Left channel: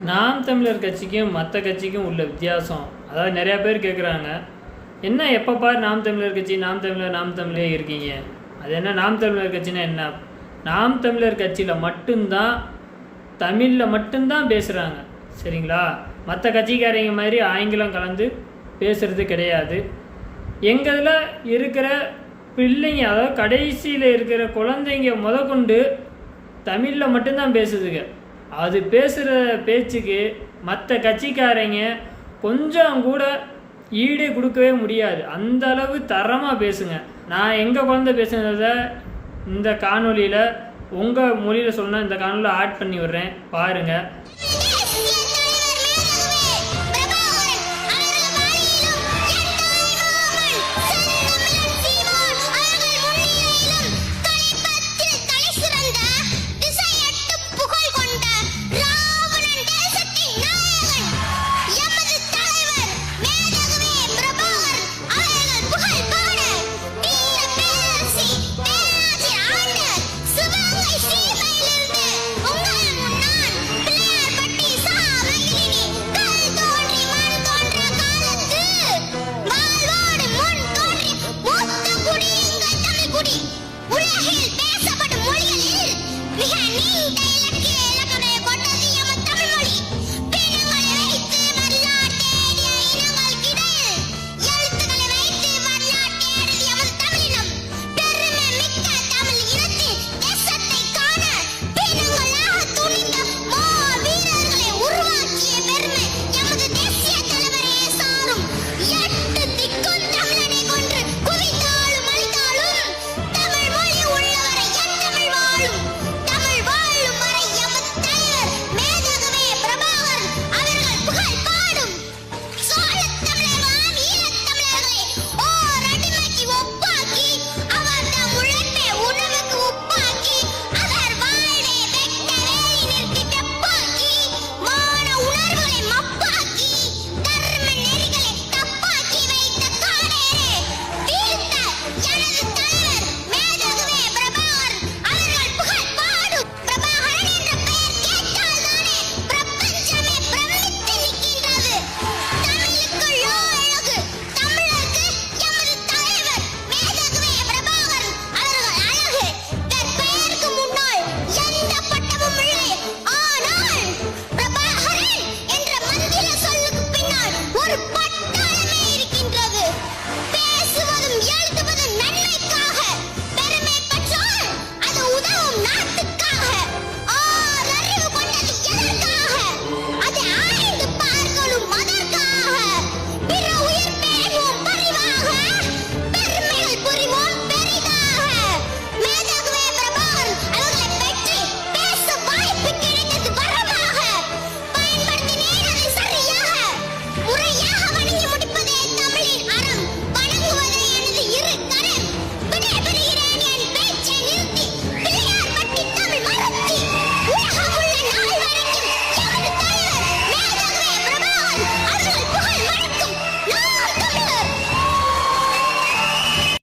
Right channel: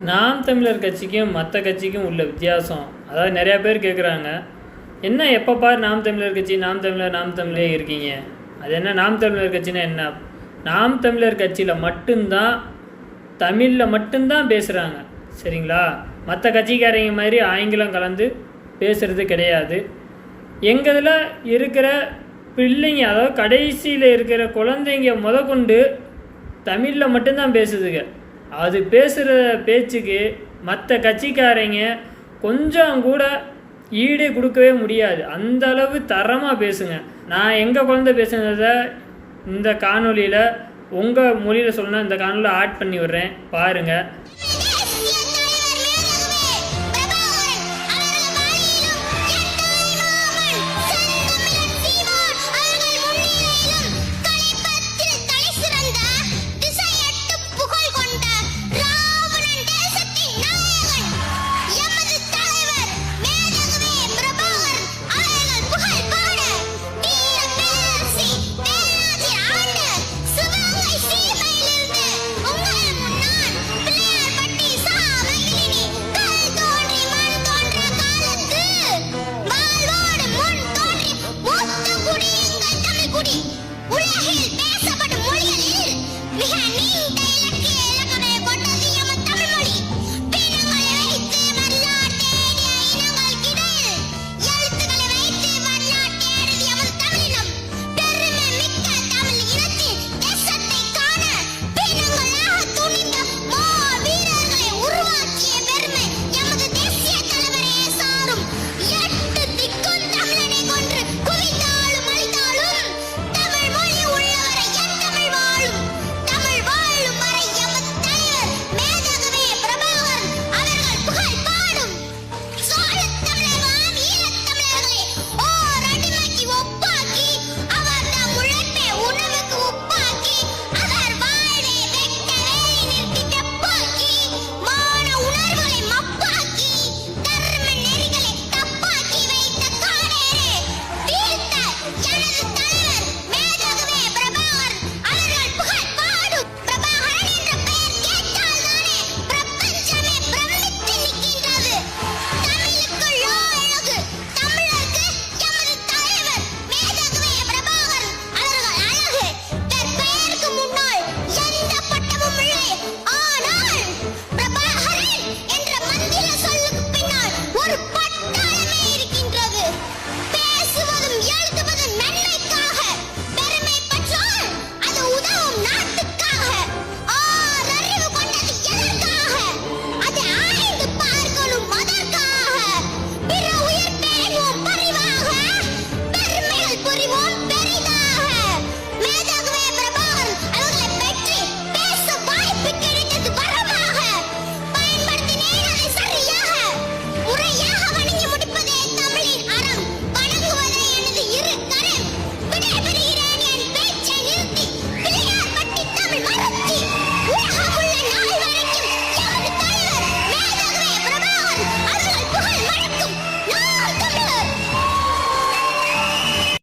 நாம் தமிழர் கட்சிக்கும் மற்ற கட்சிக்கும் உள்ள வித்தியாசம். அதாவது நிறையா பேர் கேட்குறாங்க என்ன எப்போ பார் நாம் தமிழர் கட்சி? நாம் தமிழர் நாம் தமிழே இருக்கீங்க. அது என்ன நாம் தமிழர் கட்சினா என்ன? நாம் தமிழர் கட்சியில் மட்டும்தான் தமிழில் மட்டும்தான் பேசுகிறாங்க சரிங்களா? மற்ற கட்சிக்காரங்க மாதிரி ஆங்கிலம் கலந்து பேசுகிறது கிடையாது. எங்களில் இருக்கிற பிள்ளைங்க அதாவது கடைசியில் இருக்கிற குழந்தைங்க முதற்கொண்டு தமிழில் மட்டும்தான் பேசுதுங்க. அது பேசுகிற பேச்சுக்கு மற்ற கட்சிக்காரங்க கொஞ்சம் கூட ஈடு கொடுக்கவே முடியாது. அந்த அளவு தரமாக பேசுங்க. நான் எங்கள் குழந்தை பேசுனதை இந்த காணொலியில் உங்கள் மொழியில் சொன்னால் இந்த காணொலியில் ஆட் பண்ணி விடுறேன். பாருங்கள்